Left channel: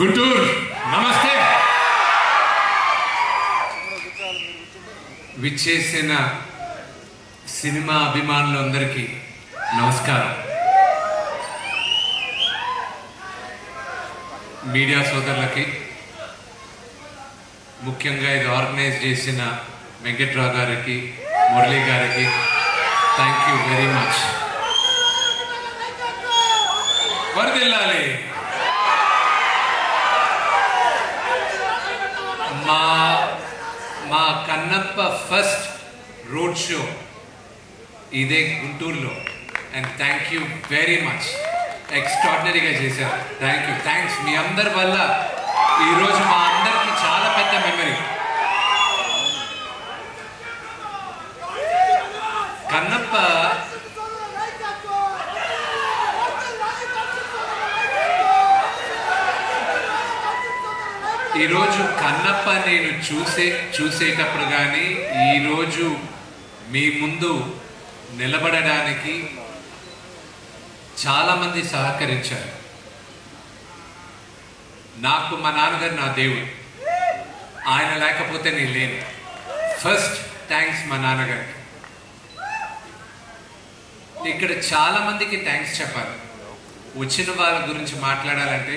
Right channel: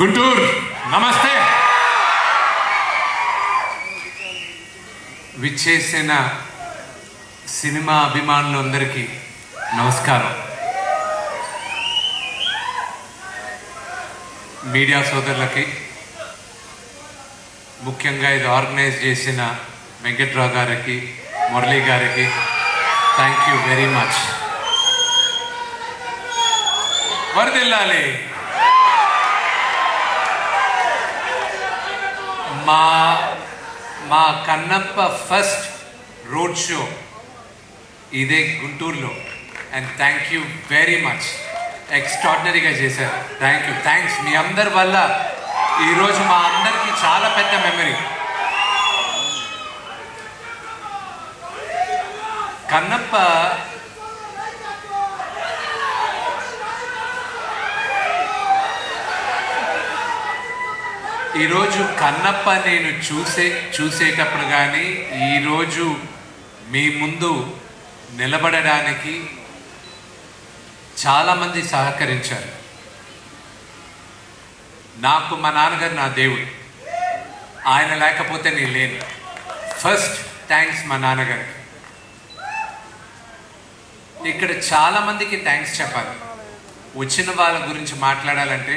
గుంటూరు నమస్తే. విచ్చేసిన సినిమా అభిమానులందరికీ నమస్కారం. మీడియా సోదరులకి, ముఖ్యంగా ఇది ఆర్గనైజ్ చేసిన వెంకట్రావు గారికి, మురళీ గారికి థ్యాంక్ యూ వెరీ మచ్. వరదిల్లాలి. మా కన్నప్ప ఫస్ట్ రోడ్ షో ఇదే గుంటూరులో. And thank you very much. ఎక్స్ట్రాడినరీగా చేశారు. థ్యాంక్స్. మీ అందరి వల్ల ఈరోజు మా అందరికి చాలా పెద్ద మెమరీ. కన్నప్ప ఈరోజు కన్నప్ప నేను చూసేటప్పుడు కానీ ఈరోజు మీ ముందు నిలబడడానికి చాలామంది సహకరించారు. నాకు మా నాన్నగారు నా దేవుడు. ఆయన లేకపోతే నేను లేను. ఫస్ట్ థ్యాంక్స్ మా నాన్నగారికి. ఇక్కడ చాలామందికి థ్యాంక్స్ చెప్పాలి. వచ్చిన వాళ్ళ గురించి మాట్లాడాలంటే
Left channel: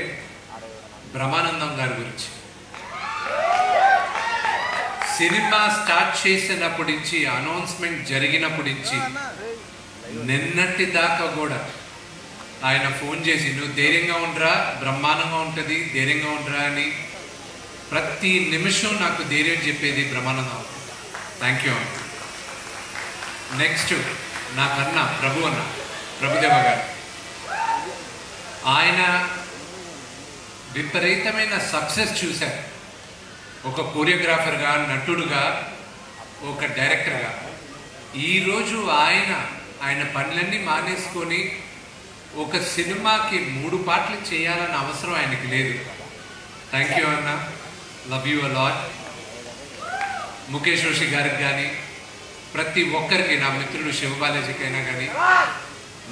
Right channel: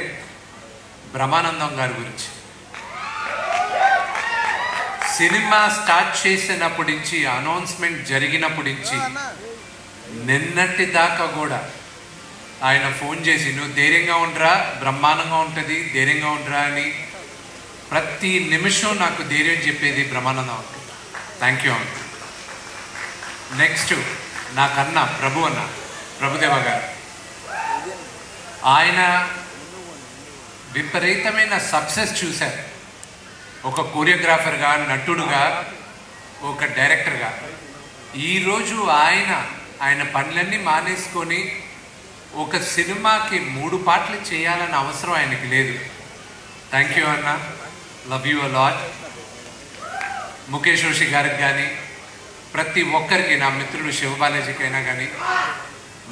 బ్రహ్మానందం గారి గురించి. సినిమా స్టార్ట్ చేసినప్పటి నుంచి, అనౌన్స్మెంట్ జరిగినప్పటి నుంచి నిన్నటి దాకా కూడా ఆయన ఫోన్ చేసి నువ్వు ధైర్యంగా ఉండరా, బ్రహ్మాండంగా ఉంటుంది, ధైర్యంగా ఉండరా అని ప్రతి నిమిషం నాకు ధైర్యం చెప్పేది బ్రహ్మానందం అవుతుంది. Thank you. నెక్స్ట్ నాకన్నా ప్రభుదేవ గారు. ఆయన విపరీతమైన సక్సెస్ చూశారు. ఒక కొరియోగ్రాఫర్గా, నటుడుగా, ఒక డైరెక్టర్గా. ఈరోజు ఆయన పనులన్నీ మానేసుకొని ఒక సినిమాకి 3 పాటలు చేయాలన్న అవసరం ఆయనకి లేదు. థ్యాంక్ యూ అన్న. Love you a lot. Mukesh Roshi గారికి కానీ, ప్రతి ఒక్కరికి, నా మిత్రుడు శివబాలాజీకైనా కానీ,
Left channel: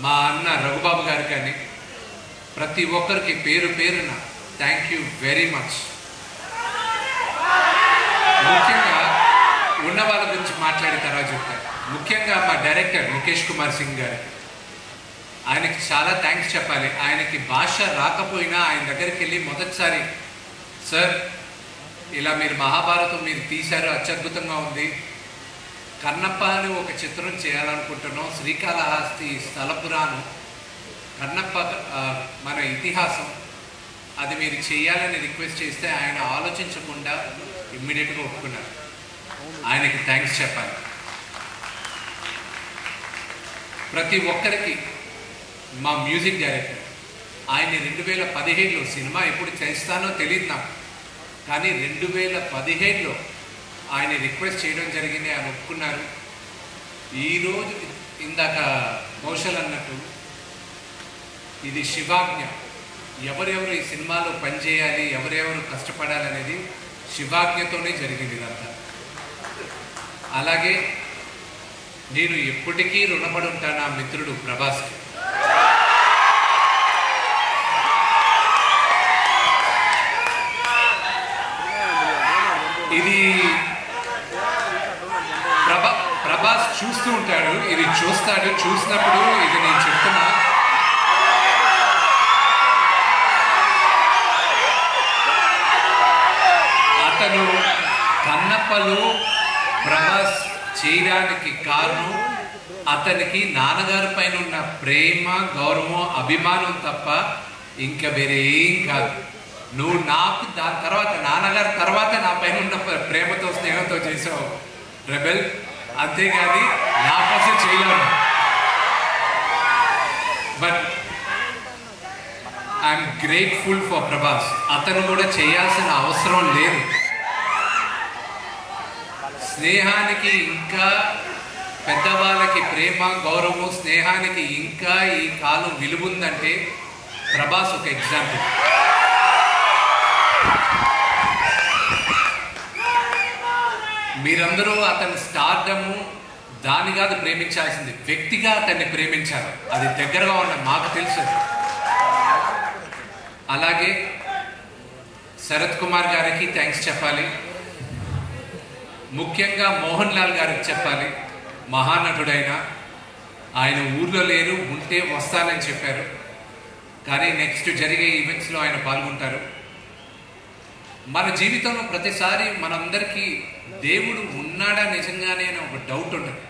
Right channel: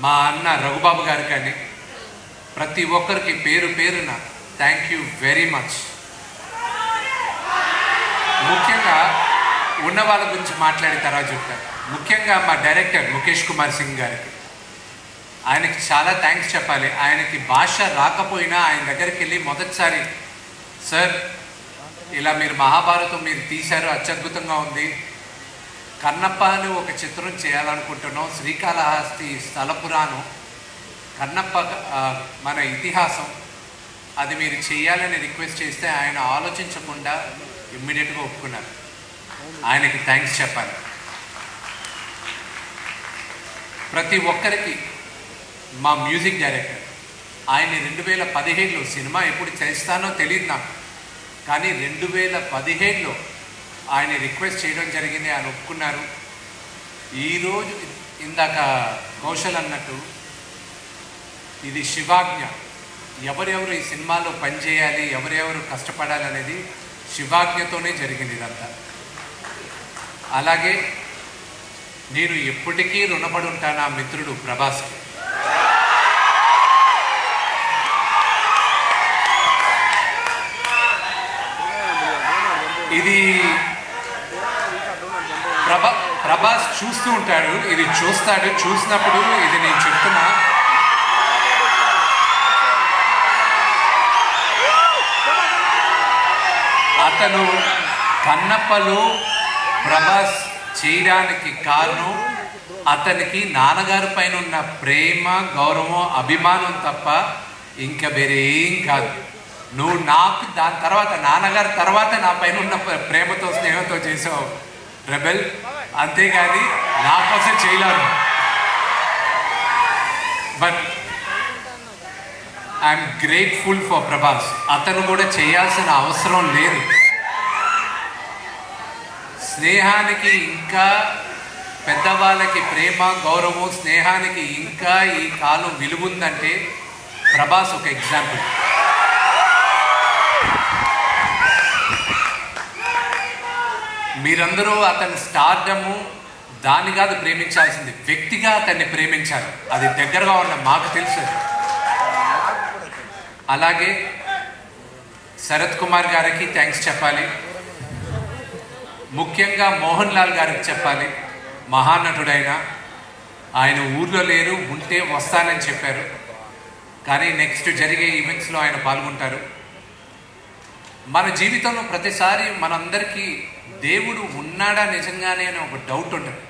మా అన్న రఘుబాబు గారికి కానీ, ప్రతి ఒక్కరికి పేరున థ్యాంక్ యూ వెరీ మచ్. ముఖ్యంగా ఉన్న వాళ్ళ గురించి మాట్లాడిన తర్వాత చెప్తాను. ముఖ్యంగా మా డైరెక్టర్ ముఖేష్ కుమార్ సింగ్ గారికి, ఆయనకి చాలా థ్యాంక్స్ చెప్పాలి. ఆయనకి భాష రాకపోయినా ఆయన దగ్గరికి వెళ్ళి మొదటిసారి, సార్ ఇలా మీరు మహాభారతం మీరు తీశారు, అత్యద్భుతంగా ఉంది, కన్నప్ప అని ఒక చిత్రం చేయాలనుకుంటున్నాం, శ్రీకాళహస్తి స్థల పురాణం, కన్నప్ప మన ఇతిహాసం, అది మీరు చేయాలని రిక్వెస్ట్ చేస్తే ఆయన ఆలోచించకుండా ఇమ్మీడియట్గా ఒప్పుకున్నారు. ఆయనకి థ్యాంక్స్ చెప్పాలి. ప్రతి ఒక్కరికి మా మ్యూజిక్ డైరెక్టర్, ఆయన 2017లో, సినిమా ఎప్పుడు చేస్తానో తెలియదు నాకు, కానీ 2017లో ఆయన రిక్వెస్ట్ చేయడం జరిగింది. ఆయన ఒప్పుకున్నారు. ఈరోజు ఇందాక కౌశల్ అన్నట్టు ఇది శివాజ్ఞ. ఎవరెవరు ఈ సినిమాలో పనిచేయాలి, ఎవరెవరు కష్టపడాలనేది శివాజ్ఞతోనే జరిగింది ఇదంతా. అలాగే నేను ఎప్పటికీ రుణపడి ఉంటాను నా మిత్రుడు ప్రభాస్కి. ఇది ప్రభాస్ చూస్తూ ఉంటాడు, ఇది చూసినప్పుడు ఇది నేను చెప్తున్నా, అతను కన్నప్పలో ప్రభాస్ చేయడానికి కారణం అతనికి నాన్నగారి పైన ఉన్న ప్రేమ, గౌరవం, అభిమానం తప్ప ఇంకా వేరే ఏం కాదు. నువ్వు నాకు దాని తర్వాత, నాన్నగారి తర్వాత నా పైన ఉన్న ప్రేమతో, స్నేహంతో చేసావు రెబెల్, అంతేగాని నా కోసం చేయలేను. But I'm grateful for Prabhas. అతను కూడా చేయాల్సిన అవసరం లేదు. స్నేహానికి ఇంకా, పెద్దవాళ్ళకి ప్రేమ, గౌరవం, స్నేహానికి ఇంకా ఈ కాలం విలువుందంటే ప్రభాస్ ఒక ఎగ్జాంపుల్. మీరందరూ అతని స్టార్డము దాన్ని కాదు ప్రేమించాల్సింది, వ్యక్తిగా అతన్ని ప్రేమించారు. అది దగ్గరగా ఉన్న మాకు తెలుసు. అలాగే శరత్ కుమార్ గారికి థ్యాంక్స్ చెప్పాలి. ముఖ్యంగా మోహన్ లాల్ గారికి చెప్పాలి. మహానటుడైన ఆయన ఊర్లో లేరు, ఉంటే వస్తానని చెప్పారు. కానీ నెక్స్ట్ జరిగే ఈవెంట్స్లో ఆయన పాల్గొంటారు. మన జీవితంలో ప్రతిసారి మనందరికీ దేవుడు ఉన్నాడా నిజంగానే అని ఒక డౌట్ ఉండదు.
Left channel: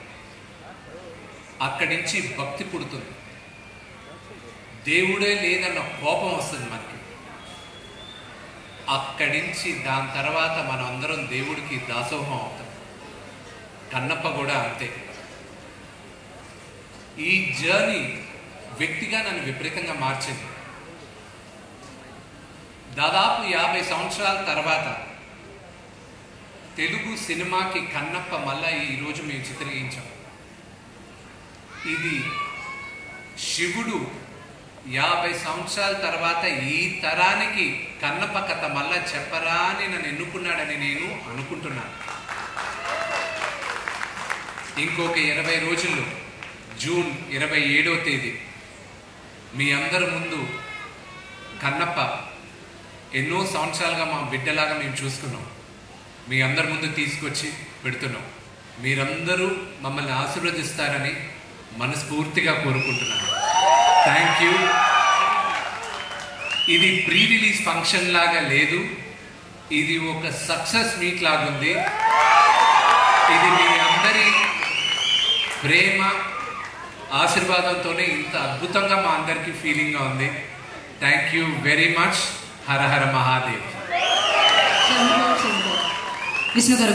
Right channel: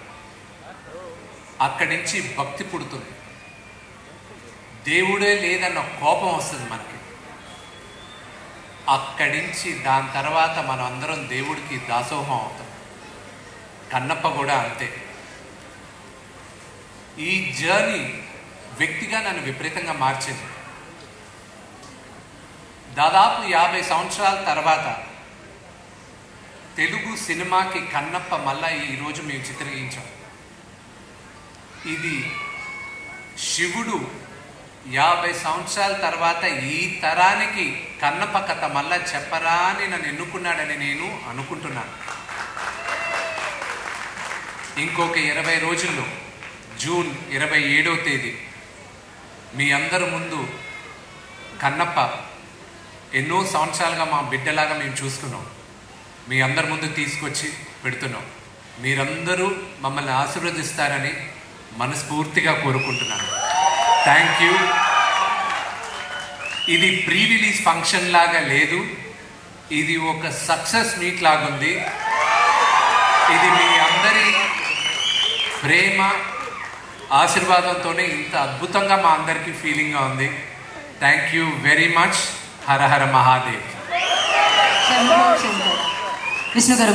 అక్కడి నుంచి భక్తి పుడుతుంది. దేవుడే లేదన్న కోపం వస్తుంది మనకి. అక్కడి నుంచి దాని తర్వాత మనం అందరం దేవుడికి దాసోహం అవుతాం. కన్నప్ప కూడా అంతే. ఈ జర్నీ వ్యక్తిగా నన్ను విపరీతంగా మార్చింది. దాదాపు 50 సంవత్సరాల తర్వాత తెలుగు సినిమాకి కన్నప్ప మళ్ళా ఈరోజు మేము చిత్రీకరించాం. ఇది శివుడు 50 సంవత్సరాల తర్వాత ఈ తరానికి కన్నప్ప కథ మళ్ళా చెప్పరా అని నన్ను ఎన్నుకున్నాడని నేను అనుకుంటున్నాను. ఇంకొక 20 రోజుల్లో జూన్ 27వ తేదీ మీ అందరి ముందు కన్నప్ప ఎన్నో సంవత్సరాలుగా మా బిడ్డలాగా మేము చూస్తున్నాం. మీ అందరి ముందు తీసుకొచ్చి పెడుతున్నాం. మీరందరూ మమ్మల్ని ఆశీర్వదిస్తారని మనస్ఫూర్తిగా కోరుకుంటున్నాను. Thank you. ఇది ప్రీ రిలీజ్ ఫంక్షన్ లాగా లేదు, ఇది ఒక సక్సెస్ మీట్ లాగుంది. ఇది మీ అందరి ప్రేమ ఆశీర్వాదంతోనే ఇంత అద్భుతంగా మా అందరికీ ఫీలింగ్గా ఉంది. Thank you very much. Hara Hara Mahadev.